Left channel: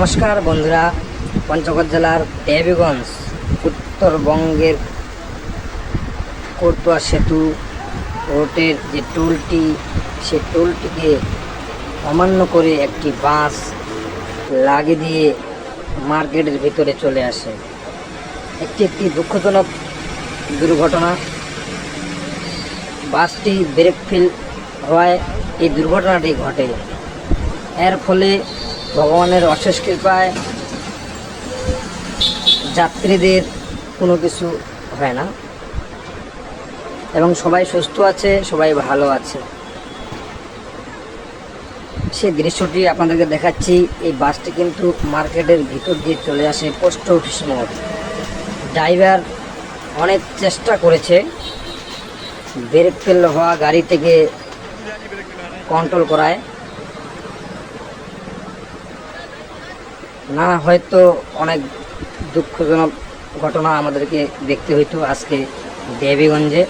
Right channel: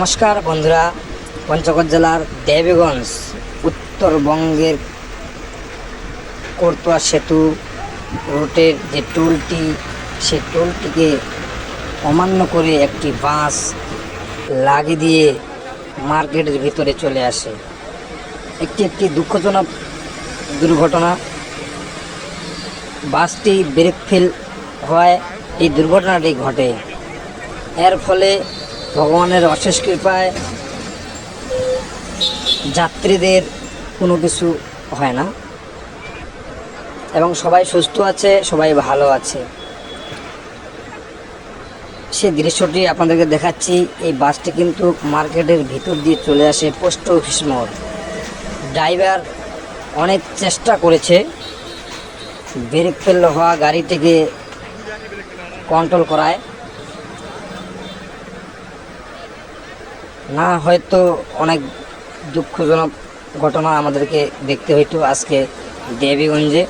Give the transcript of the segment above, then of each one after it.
নমস্কার বন্ধুরা, পঞ্চগড় জেলার দেবীগঞ্জ উত্তরবঙ্গের করতোয়া সেতু রোডের যে টোলটি, সেই টোলটিকে অমান্য করে একটি বাস লাগিয়ে দিয়ে মার্কেটের ভিতরে চলে আসে। একটি দুঃখজনক দুর্ঘটনা। বাসটি ব্রেক ফেল হওয়ায় এই দুর্ঘটনাটি ঘটে। এর ফলে ভগবানের অশেষ কৃপায় যাত্রীদের কোনো কিছু হয় না এবং সবাই সুস্থ আছে, সবাই ভালো আছে। সেই দৃশ্যটি আপনাদেরকে দেখাচ্ছি। এই বাসটি কিন্তু মার্কেটের ভিতর দিয়ে চলে আসে পোস্ট অফিস মোড়। ড্রাইভার অনেক চেষ্টা করেছে ব্রেক ফেল হওয়া গাড়িটিকে কন্ট্রোল করায়, না হয়তো অনেক দুঃখজনক ঘটনা আমাদেরকে দেখতে হইতো আজকে দেবীগঞ্জে।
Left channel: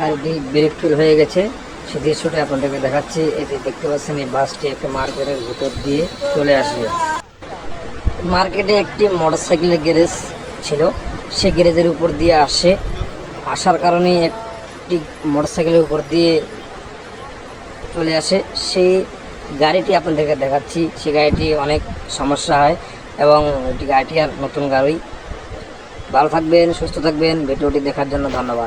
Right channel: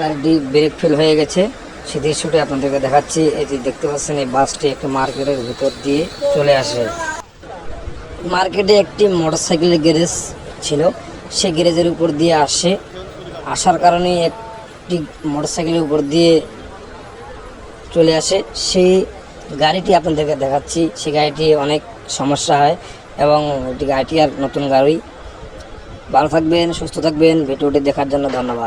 গাড়িটি ব্রেক ফেল হয়ে গেছে, সেই দৃশ্যটি আপনাদেরকে দেখাচ্ছি। এই যে দেখতে পাচ্ছেন, এই বাসটি একটি মার্কেটের ভিতর দিয়ে চলে আসে। মার্কেটে একটি মোটরসাইকেলের গ্যারেজ ছিল, সে গ্যারেজের উপর দিয়ে আসার কারণে একটি মোটরসাইকেলের উপর দিয়ে চলে আসে। সেই গাড়িটি আপনাদেরকে দেখাচ্ছি। সেই গাড়িটি অনেক সমস্যা হয় এবং গাড়িটি আর নতুন গাড়ি। ভালো থাকবেন, সুস্থ থাকবেন। ভিডিওটি দেখার জন্য ধন্যবাদ।